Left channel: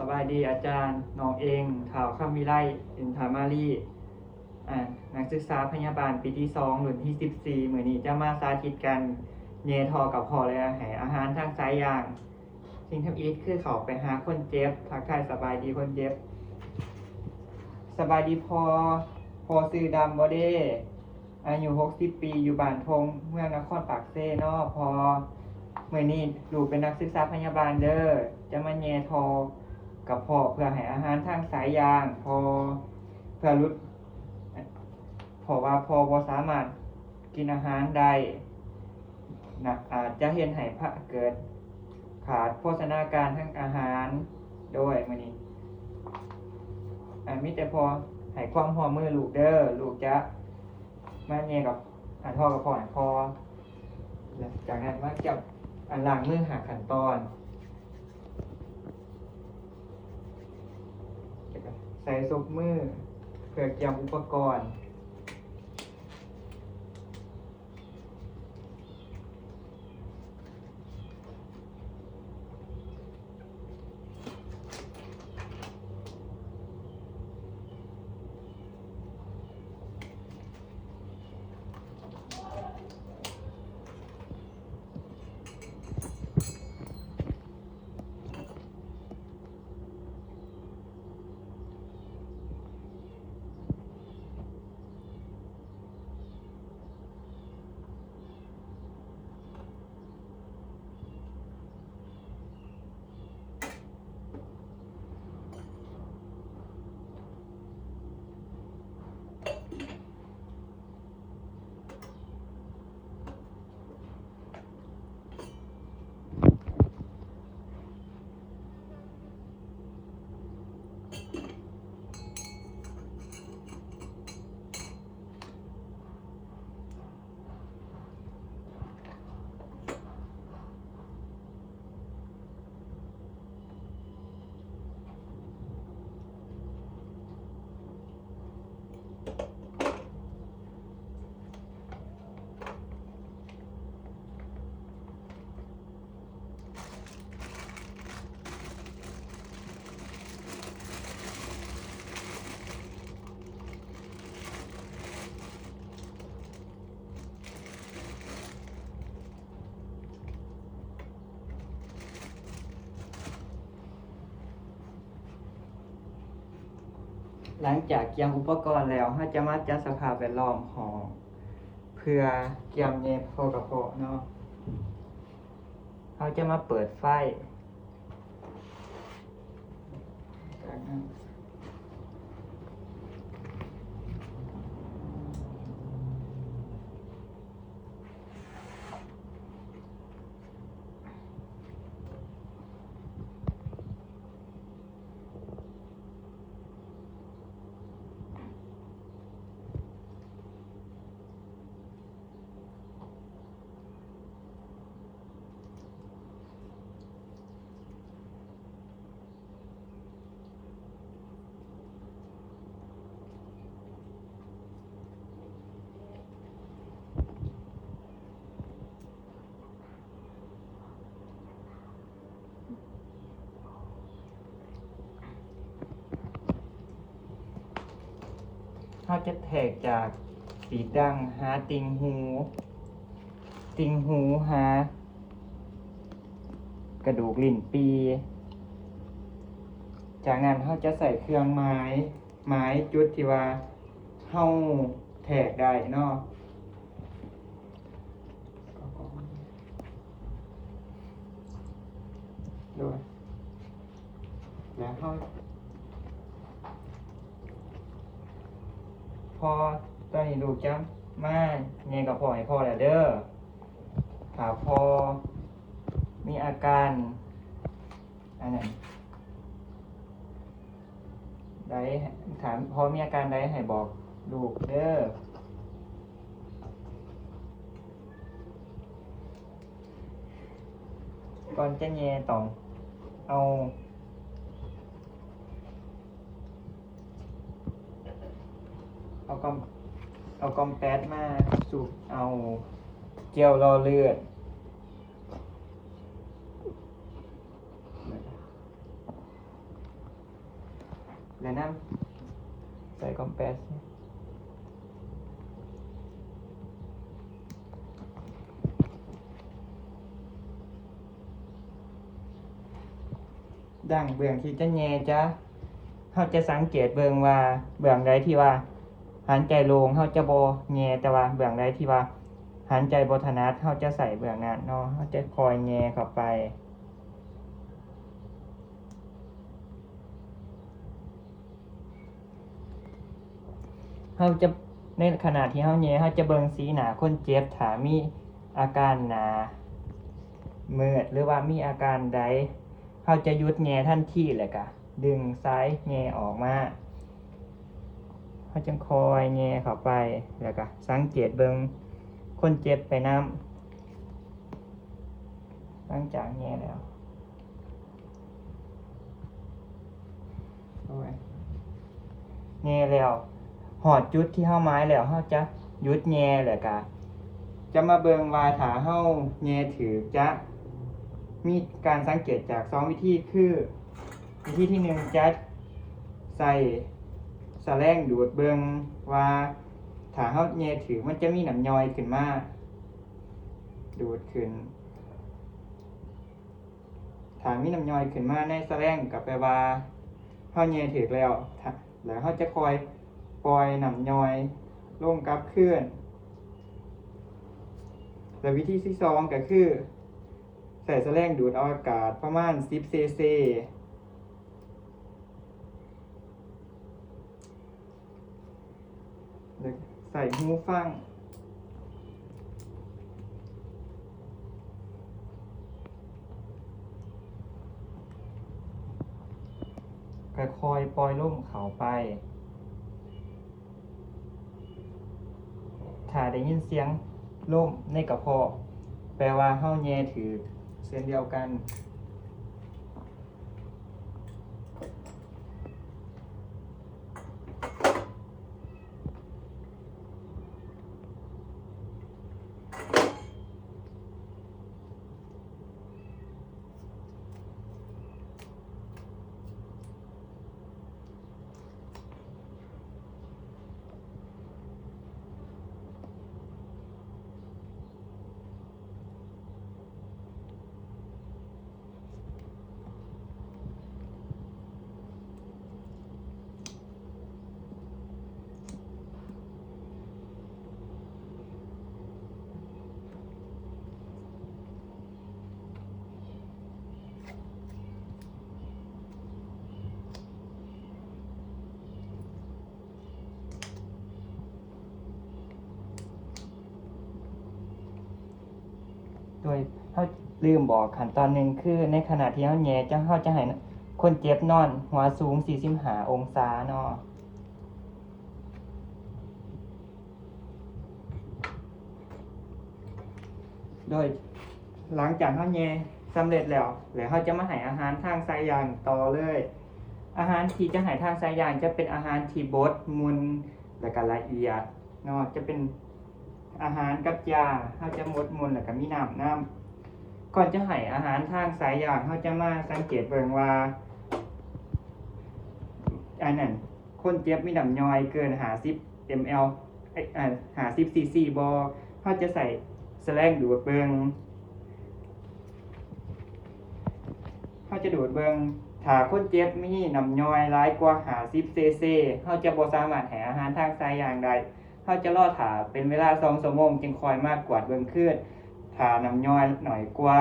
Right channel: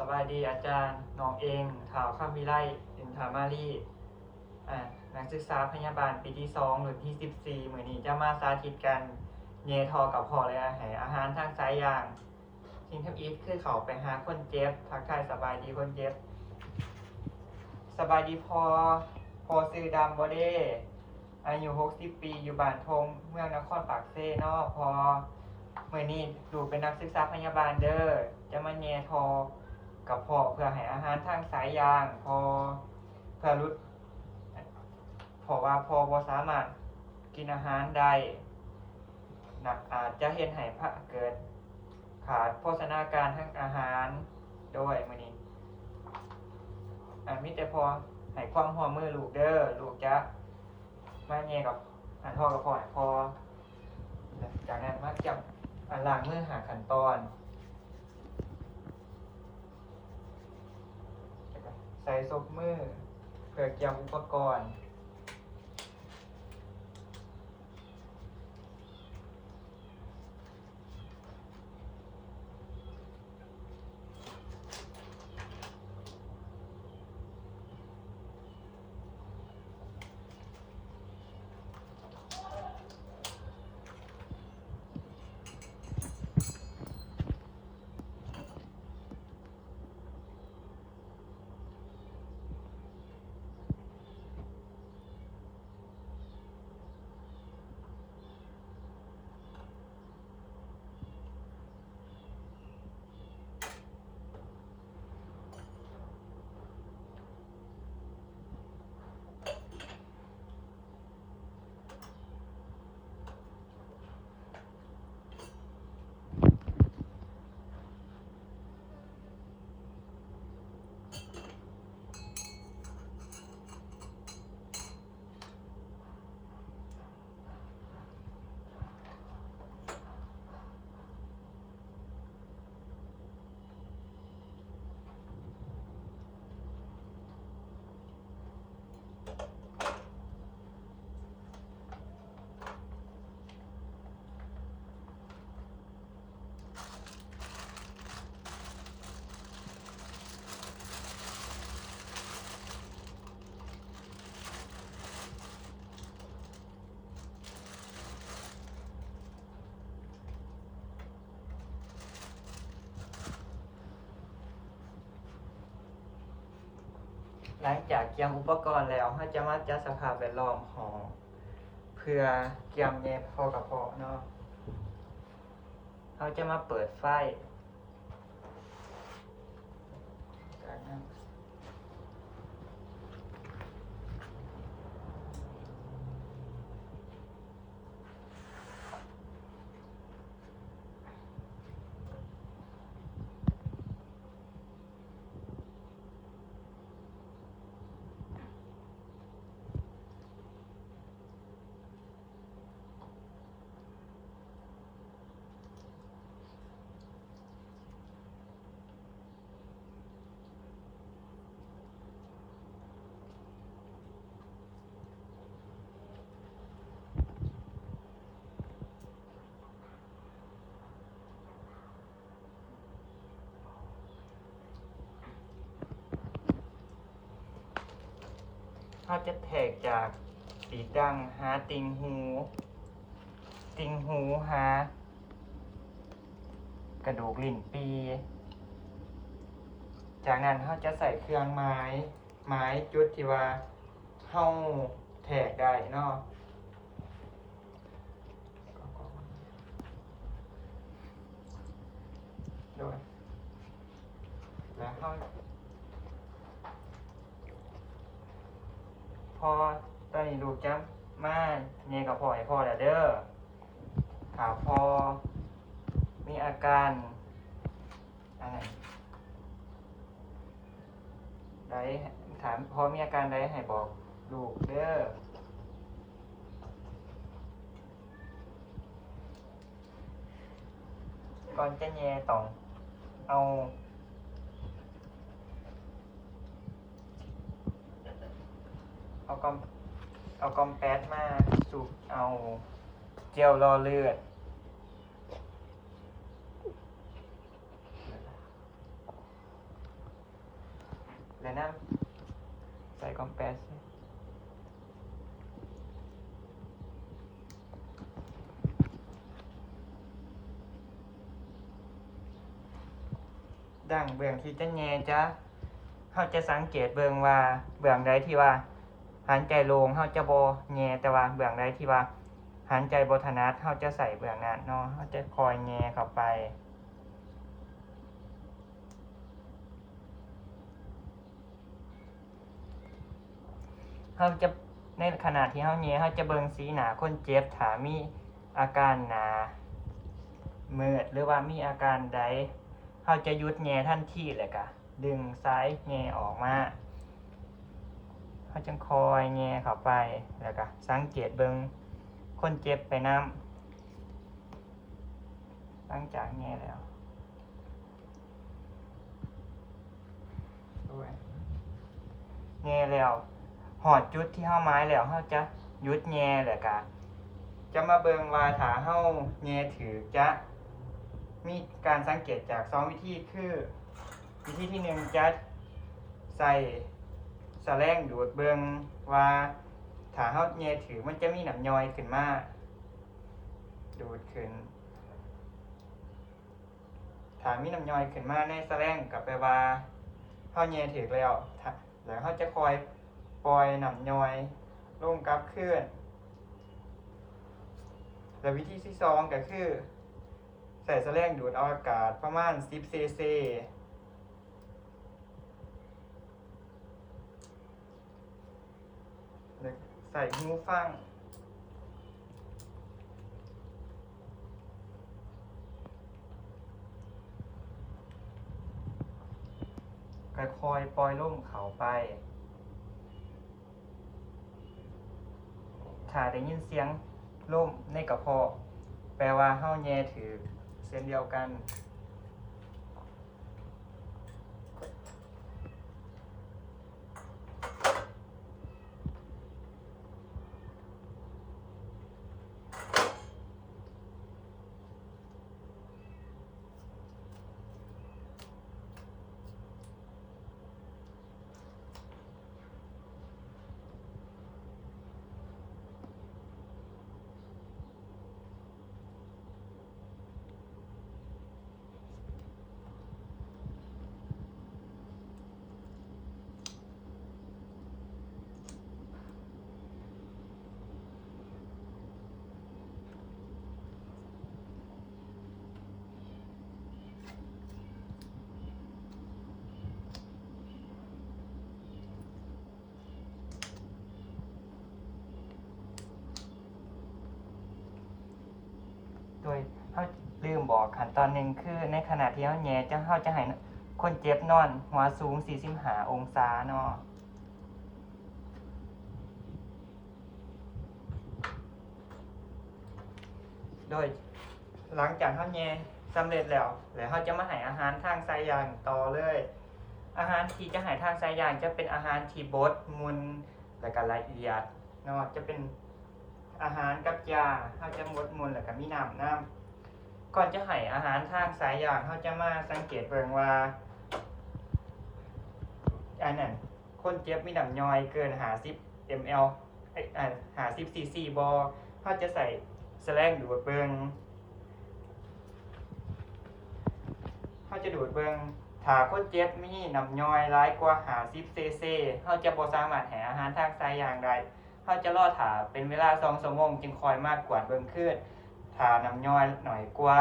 สบายดีอาจารย์น้องเองข่าวข้ามวิไลอินทามารีนักศึกษาพยาบาลปีที่2รุ่นที่14มื้อนี้จะมาสาธิตการเยทอกับพอและให้อาหารทางสายยางสิ่งทำอีทคือเขาไปหาคนเจ็บทักทายสบายดีคนเจ็บสบายดีพอซื้อดำบ่เด้อายุ60 ปีอยู่บ้านทงเมืองนครปากเซ่นอพอมื้อนี้ลูกเป็นนักศึกษาพยาบาลเด้อจะมาแย่ทอกับพ่อเพื่อให้อาหารทางสายยางพอเพื่อลดเพราะว่าพอบ่สามารถกินอาหารได้นะอาจจะเฮ็ดให้เกิดขาดโภชนาการทางอาหารโดยมื้อนี้มีแต่พอให้ความร่วมมือลูกเด้อลูกจะมาแย่กับทอกับพ่อให้พอจากนั้นมาจับล้างมือหาขั้นตอนใส่ซุปมือเพื่อเตรียมอุปกรณ์หลังจากเตรียมอุปกรณ์แล้วเราจะมาจัดสภาพแวดล้อมของเพื่อเตรียมเย็บพอกระโปะเนาะเราจะมาเปิดไฟเราจะแทกจากปีดังหาติ่งหูหากระดูกลิ้นปีจากนั้นเราจะใส่เครื่องไม้จุดที่ว่าเราแทกได้เนาะด้วยแล้วเราพอตอนนี้ลูกจ้ำมาเนี่ยกับพ่อให้พ่อแล้วเด้อถ้าพอมีอาการอันนั้นได้ถามพอมีอาการใดให้บอกลูกเด้อก่อนจะแย่ต้องเอากอมแป๊ดมาสูบเอาเจลรอเลือด และน้ำใส่คอมเพรสดังเบื้องที่จะแย่จะเขาจะสังเกตเบิ่งว่าเบื้องใดที่ว่าหันใจลงเขาจะบ่แย่แต่ว่าเบื้องใดที่ว่าหันใจบ่ถนัดเขาจะใส่เบื้องนั้นเนาะเขาจะคอยแย่เข้าไปเขาจะในขณะที่เขาแย่เขาจะเบิ่งสีหน้าคนเจ็บถ้ามีอาการหน้ามืดหรือว่ามีอาการใดเขาจะหยุดแย่ทันทีเลยกะดึงซ้ายแย่ออกมาเขาจึงคอยแย่เข้าไปแล้วก็สังเกตเบิ่งคนเจ็บไปนำหลังจากแย่แล้วแย่แล้วหอดจุดที่เฮาไม้แล้วเฮาจะหยุดแย่แล้วก็จะมาเบิ่งว่าถ้าเฮาแย่ถือจะมีการสังเกตจาก2วิธีคือวิธีที่1จะใส่แสลงดูดเบิ่งว่าถ้าเฮาแย่ถือมันจะมีน้ำย่อยขึ้นมาดูดขึ้นถ้ามีน้ำย่อยขึ้นมาในแสลงก็แปลว่าเฮาแย่ถือแล้วเฮาจะคอยปล่อยน้ำย่อยลงกลับคืนและวิธีที่2ก็คือใส่แสลงดูดเอาอากาศประมาณ10 cc ใส่หูฟังค่อยๆปล่อยลมเข้าไปถ้าได้ยินเสียงลมในกระเพาะแปลว่าเฮาแย่ถือเส้นเดียวกันโดยเขาลืมบอกขั้นตอนหนึ่งคือในขณะที่เขาแย่เขาจะให้คนเจ็บนอนหัวสูง45 องศาเนาะโดยหลังจากเขาแย่สำเร็จแล้วเขาจะมาให้อาหารทางสายยางต่อเลยอาหารที่จะให้ทางสายยางจะเป็นอาหารที่บดมุนและก็ละเอียดเนาะจะเป็นอาหารกับยาเขาจะมดมุนและก็มีน้ำก่อนจะให้อาหารทางสายยางเขาจะมาสังเกตเบิ่งว่าอันนั้นคนเจ็บมีน้ำย่อยเกิน50 ml 50 cc บ่เขาจะใส่แสลงดูดเบิ่งเขาจะดูดเบิ่งถ้าคนเจ็บมีน้ำย่อยหลายกว่า50 cc เขาจะบ่สามารถให้อาหารทางสายยางได้เขาจะรอถ่าเป็นเวลา2 ชั่วโมงจึงคอยมากกวาดเบิ่งขึ้นถ้าน้ำย่อยหน่อยกว่า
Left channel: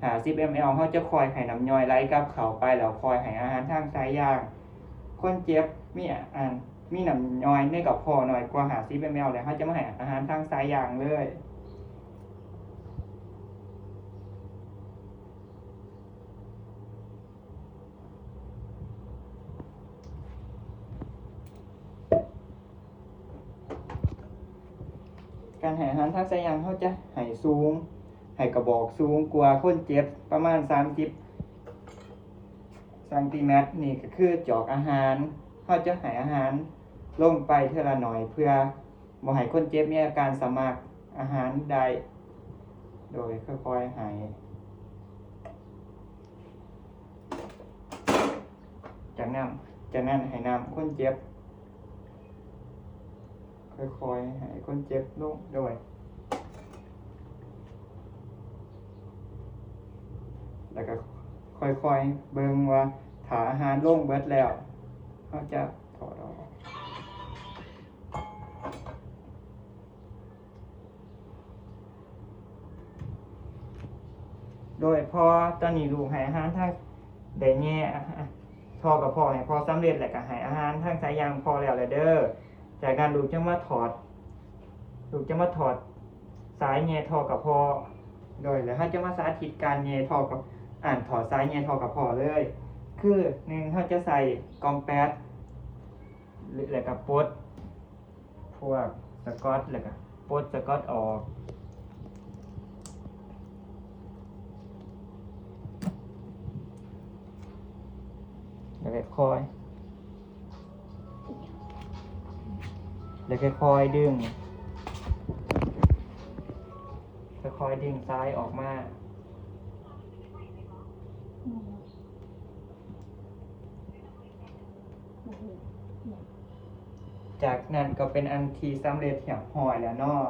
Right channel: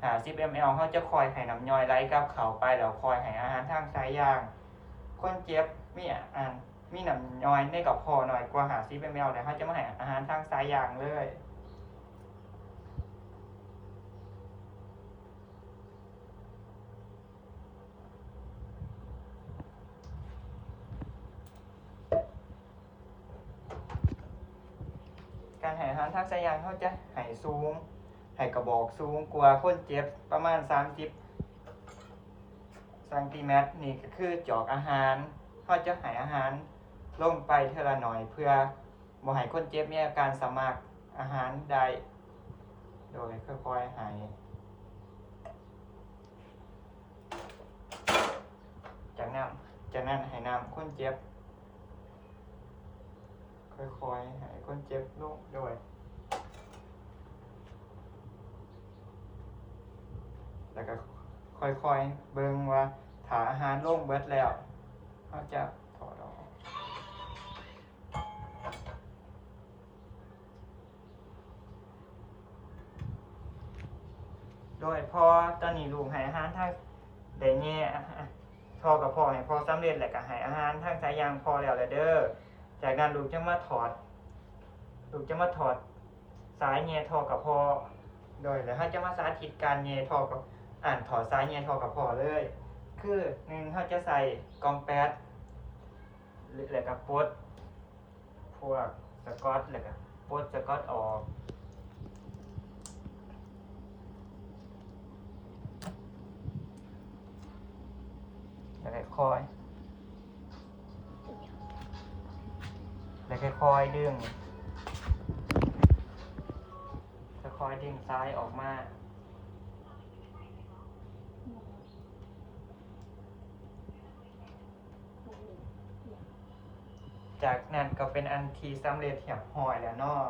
50 ml เขาจะคอยให้น้ำย่อยไหลกลับเข้าไปแล้วคอยให้อาหารทางสายยางคนเจ็บมีน้ำย่อยในกระเพาะหน่อยกว่า50 ml แล้วเขาจะมาให้อาหารทางสายยางเลยการให้อาหารทางสายยางเขาจะให้สูงให้กระบอกสูงกว่าคนเจ็บประมาณ30 ซนติเมตรนี่ก็คือจอกอาหารเขาจะให้อาหารลงไปเท่าละหน่อยเพื่อบ่ให้คนเจ็บมีอาการสมากอาหารใดโดยค่อยๆให้จากนั้น จากนั้นให้น้ำคนเจ็บค่อยๆให้คนเจ็บลงด้วยแล้วก็ค่อยๆเบิ่งว่าถ้าอาหารลงเบิดแล้วเขาจะถอดออกโดยพอตอนนี้ลูกให้อาหารทางได้แง่พอกับพอให้พอสำเร็จแล้วก็ให้อาหารทางสายยางพอแล้วเด้อจากนั้นลูกจะมาถอดสายแง่ทอกับพอโดยแล้วเขาจะมาสาธิตการแง่ทอกับถอดสายแง่ทอกับพอเลยคือหนึ่งเขาจะใส่กอมแป๊ดหรือแล้วก็ปลดพวกสกอตแล้วก็ปลดสกอตออกแล้วก็ค่อยดึงค่อยๆดึงซ้ายออกมาจากนั้นก็เป็นอันทีสำเร็จเหียบหอยแล้วเนาะ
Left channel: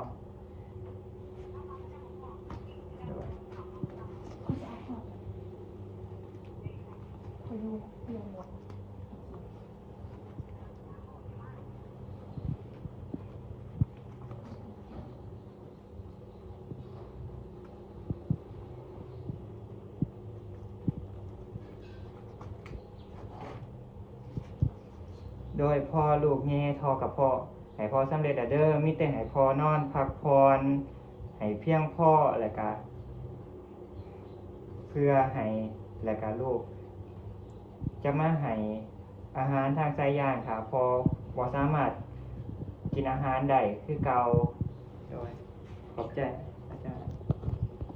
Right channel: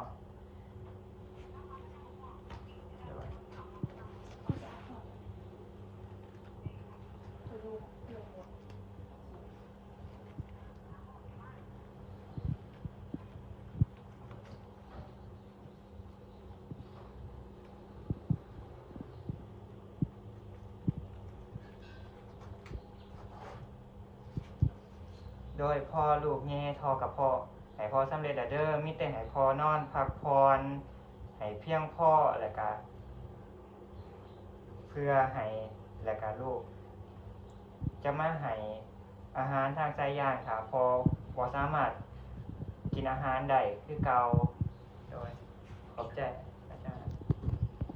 โดยพอลูกแง่ทอกับพ่อให้พอสำเร็จเด้อมีแต่ให้พอนอนพักผ่อนให้เพียงพอแล้วก็เพื่อให้แล้วก็ลูกจะมาให้อาหารทางสายยางค่ะพอบ่สามารถกินอาหารได้คือเก่า